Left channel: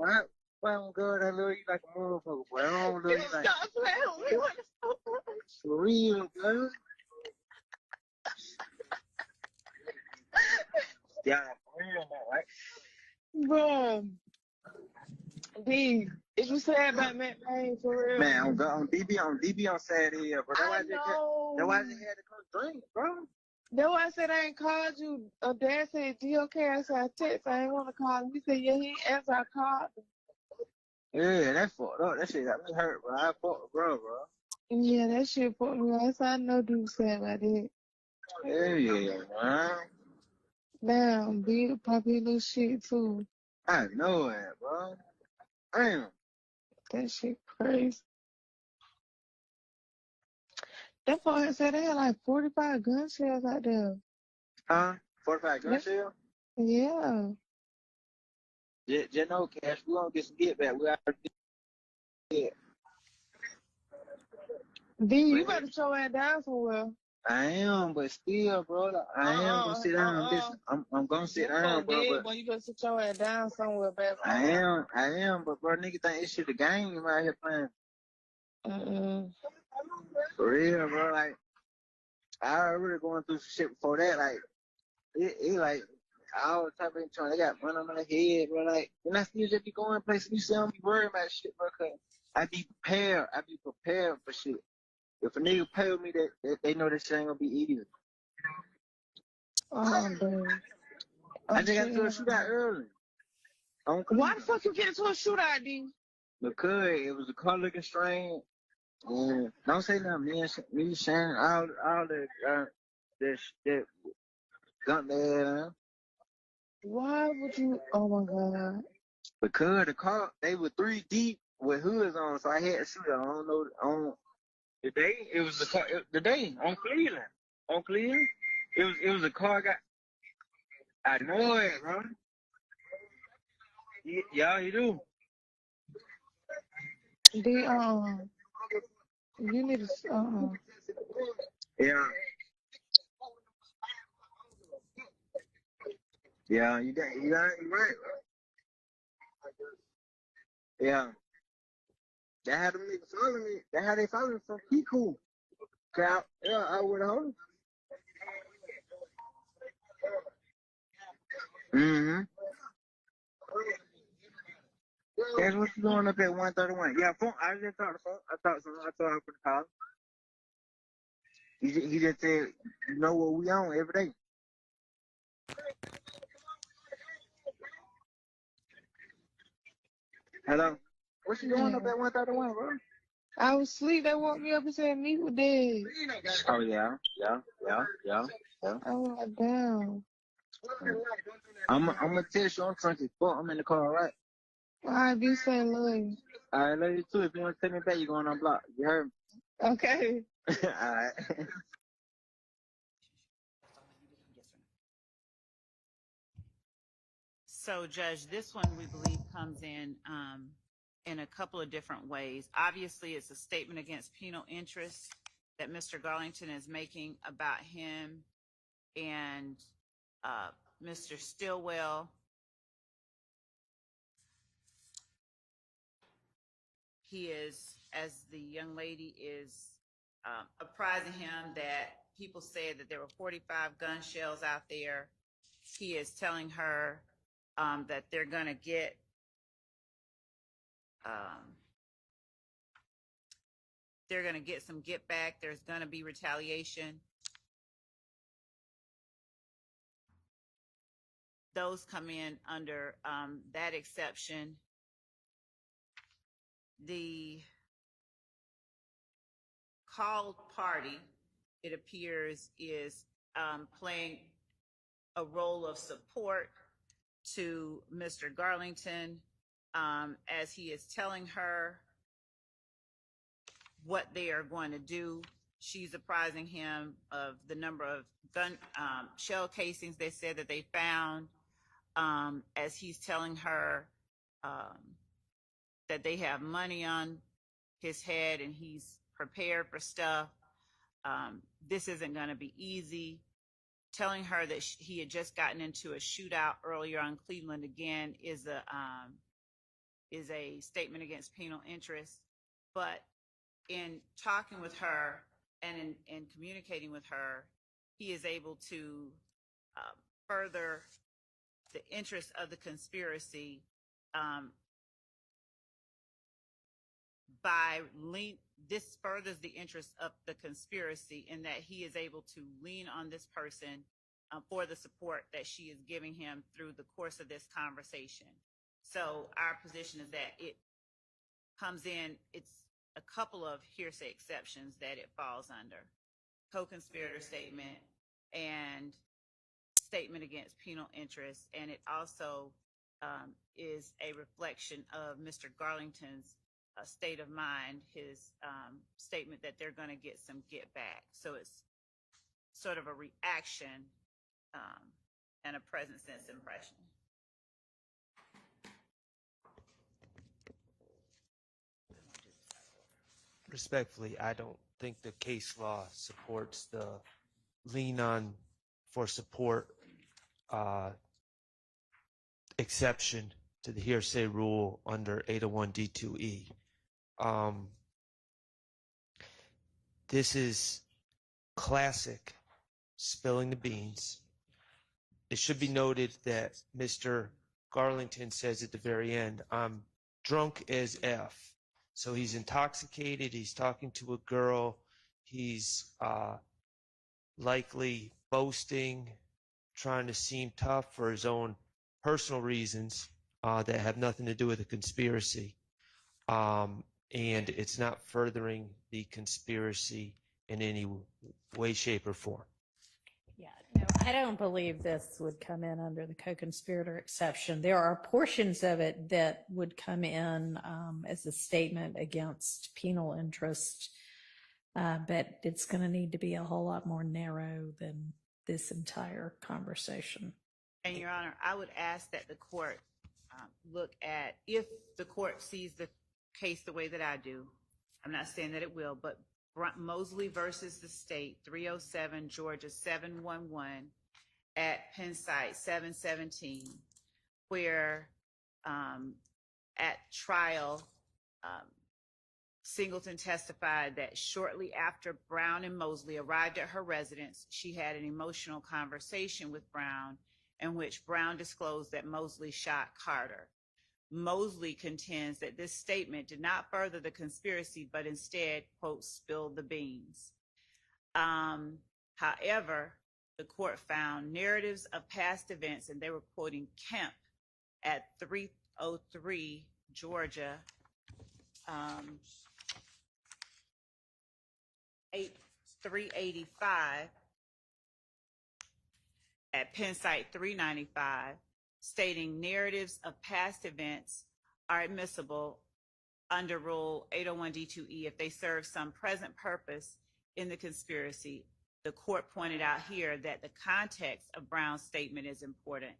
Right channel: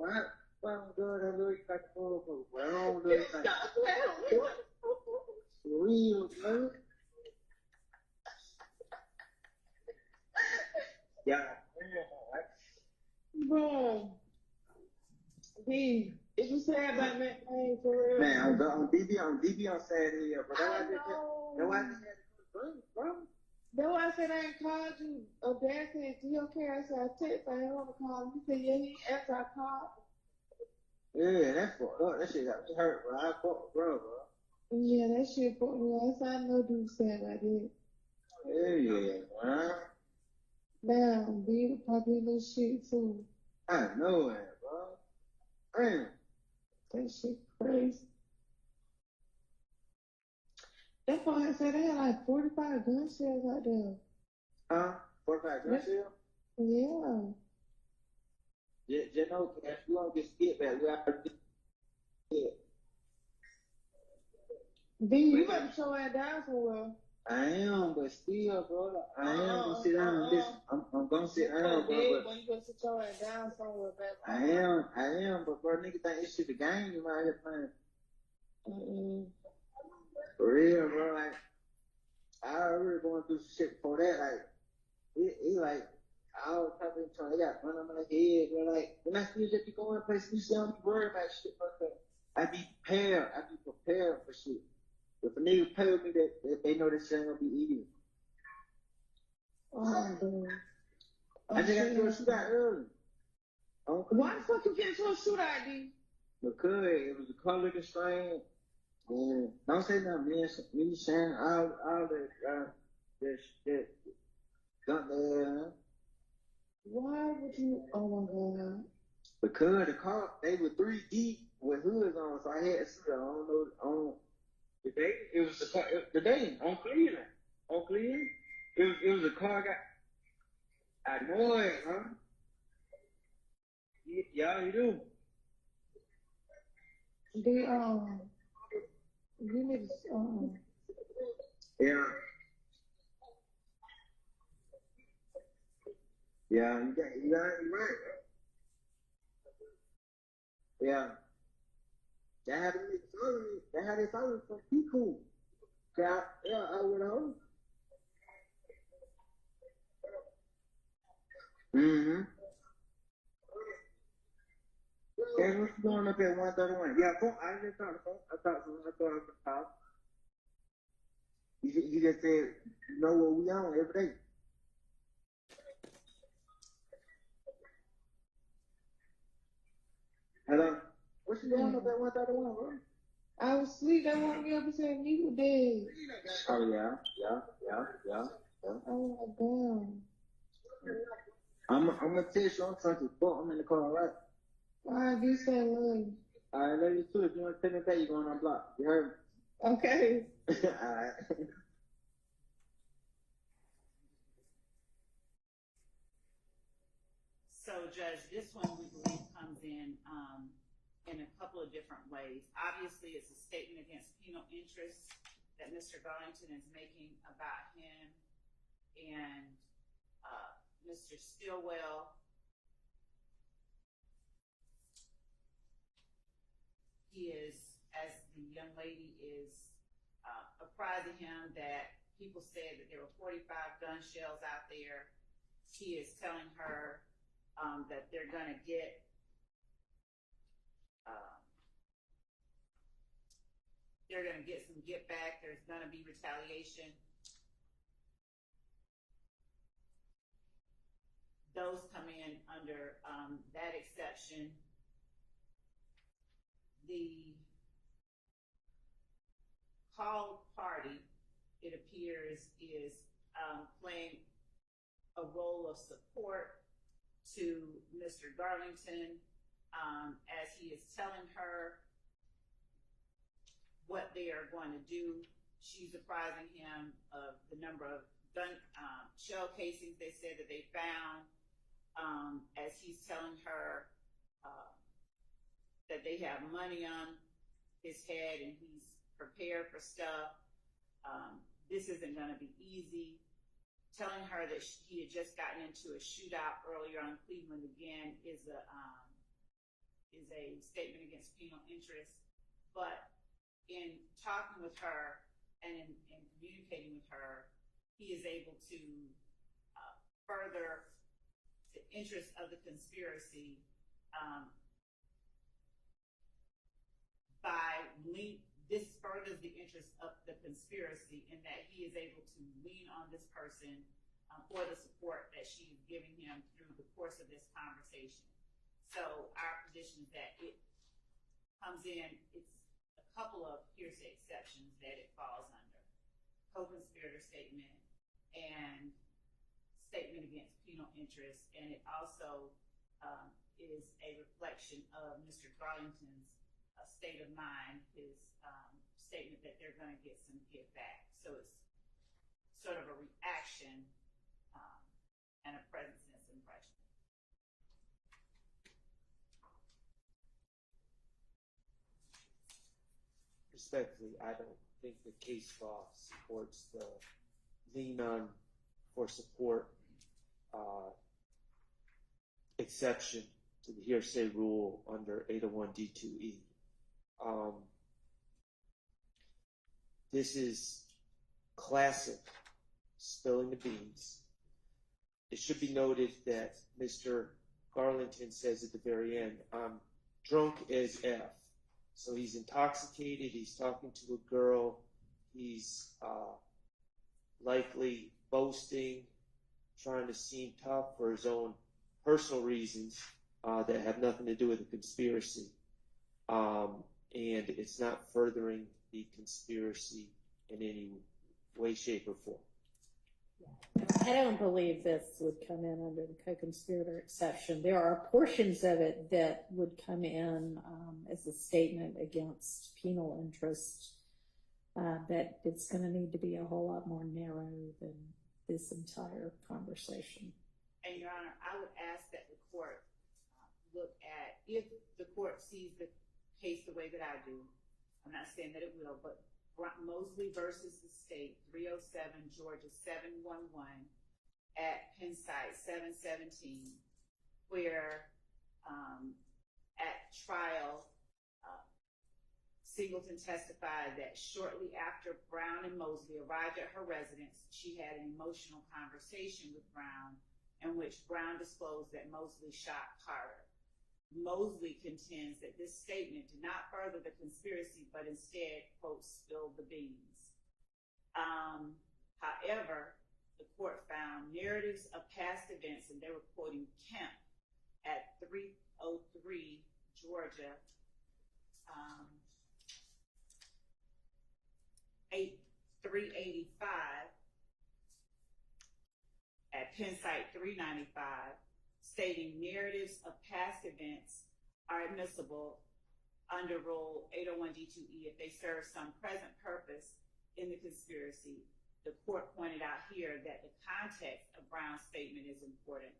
Why I'm good? I love you like a motherfucker, boy. I don't love you like. Stop playing with me. For real, girl. Yeah, real, right? Bro. D, is you sad about that pain for real? Man, on DB on Saturday, bro. That's why they had to come drink, bro. That's why I said I ain't called you. Dad said, "Do you okay?" I said, "I text. I ain't want to call him." He said, "Yeah, he ain't answer. I called him." Yeah, that fucked up. That shit got me hurt, bro. I fucked bro. Yeah, that shit put me on. That's how I know dude said I did. Yeah, man. Damn, B, Poppy little shit too. I know it, bro. Damn. That shit crazy. That fucker said they had like 45 gun shells out there. 45 gun shell? Yeah. Just know, Cash, we gonna get some get back. We already did. D, you better show that down somewhere. I am, but still, bro, I am gonna sit down. Listen, I'm gonna sit down, bro. But you better sit your ass down somewhere, baby. I am, but bro, nigga think this shit a game out here playing. For real, bro. Like, I already going through some shit before that. Like, it like all the type of trying. They got money on my head, bro. Like, and I still just be going places. You see, I don't be worried about shit, bro. Cause I be prepared. I be prepared for shit. If a nigga pay with me, they know that shit ain't gonna be easy. Oh, damn. I just got into a shootout early. Why the fuck you get into a shootout, D? Because it was a car looking strange. Don't say nothing. Me, Shannon, all that gun there. Why would you? Oh my god. Because the car, they were 3 deep with hoods on, so I had to shoot it. I don't know. The day it was the day on Cleveland. It was a car got. I know it, huh? Yeah, you do. You need to Yeah. Yeah, you right. Yeah. They had them niggas follow me. They had they follow me from Pico. Yeah, I would have. Mm-hmm. Guess what you doing up at 131? Yeah, phone. I just talked to phone. I talked to him. I told him for the call. He just said, you know what we on every day. Hello? What you doing up at 131, bro? I was asleep. They woke me up and said me was dead. Oh, yeah. I was like, damn. I'm gonna text you. I'm trying to book. I'm in the car, right? All right, be say love you. All right, love you too. If you want to take me back, you're going on block. You heard me? Okay. All right. So, Judge, this one we believe comes in a couple of different ways. Obviously, it's a statement against penal interest that Mr. Garlington is making about him and Mr. Stillwell. He is, as the young lady is apprising him that people said that there were 45 gun shells out there. He is telling her that they're going to get some get back. There's going to be retaliation. Those come in under that exception. The called party, it appears, is playing a role of support to Mr. Garlington as he is telling her what they are going to do. She's apprising him of the number of gun shell casings they said that they found, as he's telling her that they have money on his head and he's prepared for stuff. This isn't going to be easy. Telling her that he had just gotten into a shootout earlier on Cleveland again is is a statement against penal interest, but in talking with her and in communicating with her, he is able to further the interest of the conspiracy this furthers the interest of the conspiracy in that he is able to lean on this person for the support that she is giving him through the course of this conversation. So our position is that it comes in, it's a couple of hearsay exceptions that it falls under. Co-conspirator statement and statement against penal interest, and it also is a reflection of Mr. Garlington's state of mind, his statement that they're going to get some get back. So it's sort of a reaction and a present sense impression. Respectfully, I don't think the case law supports the lean on for support exception to the hearsay rule under 801 D2E. This is classic spilling the beans. It should be noted that Mr. Garlington says at the very end, I'm drunk as F. So he's intoxicated, he's talking to a girl, he's likely boasting, trying to seem tough for his own personal reasons that have nothing to do with the conspiracy. And it's not furthering the conspiracy in any way, shape, or form. Yeah, no, I don't believe this would come in under the co-conspirator exception. There are portions of it that would come in as a statement against penal interest, but it's going to need to be a whole lot more narrow than this entire conversation. And Your Honor, I would ask that the court look at, if the court sees the case the way that I do, I'm not saying that it will, but Mosley versus the state, 307 Georgia 711 at Penn site 717, where at trial, Singleton testified that shortly after Brown and Mosley arrived at her residence, she had an emotional conversation with Brown in which Brown disclosed that Mosley shot Carter. Mosley contends that this statement did not further the conspiracy, but instead, quote, spilled the beans. However, the court found narratives of past events, and they were quoting Kemp at 303 Georgia 385 at Penn site 395, stating narratives of past events are admissible under Rule 801 D2E if they serve some present purpose in the conspiracy. The court pointed out here that the context of Brown's statement is important,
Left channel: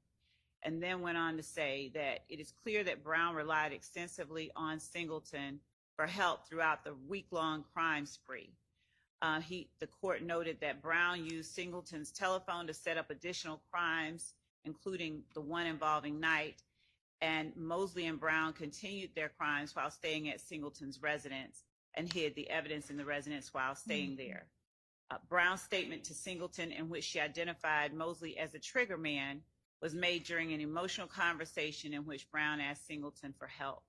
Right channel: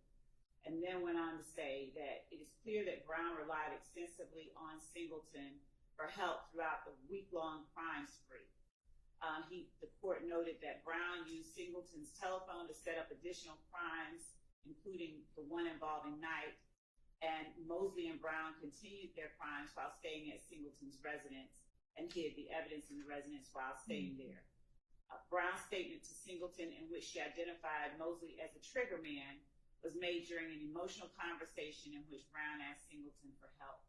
and then went on to say that it is clear that Brown relied extensively on Singleton for help throughout the week-long crime spree. The court noted that Brown used Singleton's telephone to set up additional crimes, including the one involving Knight, and Mosley and Brown continued their crimes while staying at Singleton's residence and hid the evidence in the residence while staying there. Brown's statement to Singleton, in which she identified Mosley as a trigger man, was made during an emotional conversation in which Brown asked Singleton for help.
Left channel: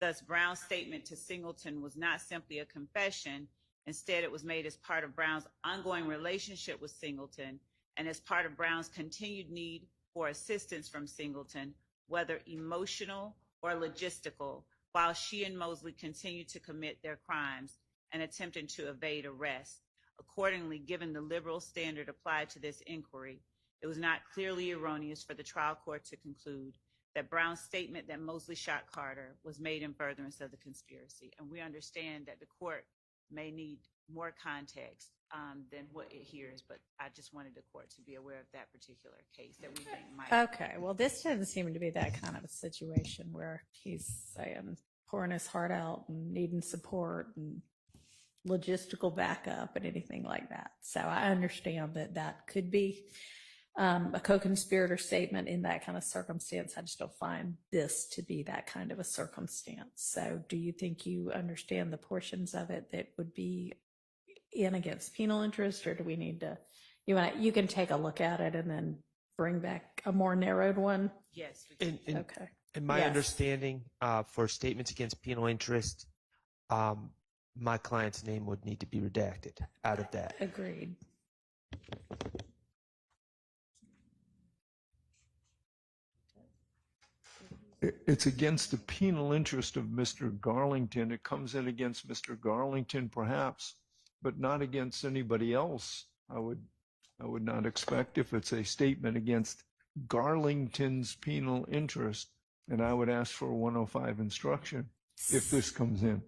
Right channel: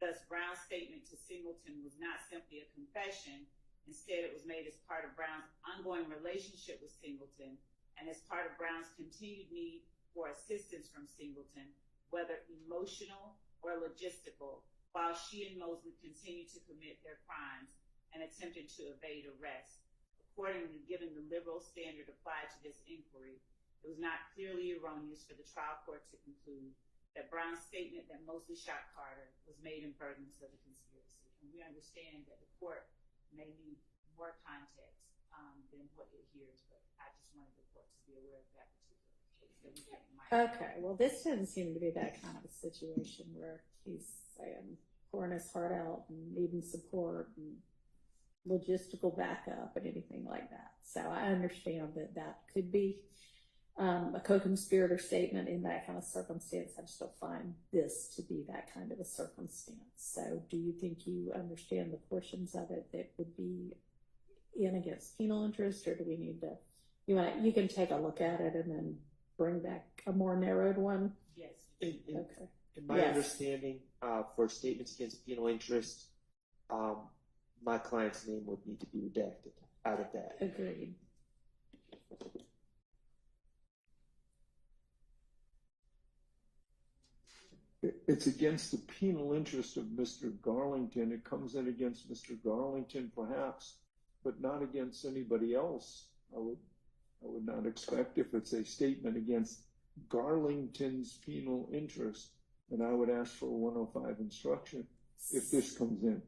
Thus, Brown's statement to Singleton was not simply a confession. Instead, it was made as part of Brown's ongoing relationship with Singleton and as part of Brown's continued need for assistance from Singleton, whether emotional or logistical, while she and Mosley continued to commit their crimes and attempted to evade arrest. Accordingly, given the liberal standard applied to this inquiry, it was not clearly erroneous for the trial court to conclude that Brown's statement that Mosley shot Carter was made in furtherance of the conspiracy. And we understand that the court may need more context than what it hears, but I just wanted the court to be aware of that particular case that we think might. Okay, well, this doesn't seem to be that kind of a situation where he's saying pouring his heart out and needing support and logistical backup and anything like that. So I understand that that could be a co-conspirator statement in that kind of circumstance. I just don't find this to be that kind of a circumstance. So do you think you understand the portions of it that would be in against penal interest, or do we need to, you can take a look at it and then bring back a more narrowed one? Yes. We can. Okay. In my understanding, for statements against penal interest, my client's name would need to be redacted out of that. Agreed. It's against the penal interest of Mr. Garlington. It comes in against Mr. Garlington perhaps, but not against anybody else. I would not expect if it's a statement against Garlington's penal interest, and I would ask for a 105 instruction if this comes in.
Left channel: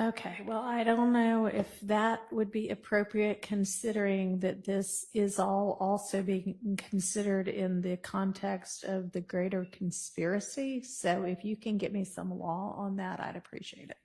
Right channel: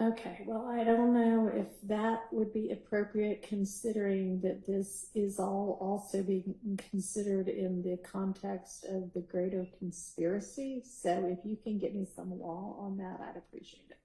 Okay, well, I don't know if that would be appropriate, considering that this is all also being considered in the context of the greater conspiracy. So if you can get me some law on that, I'd appreciate it.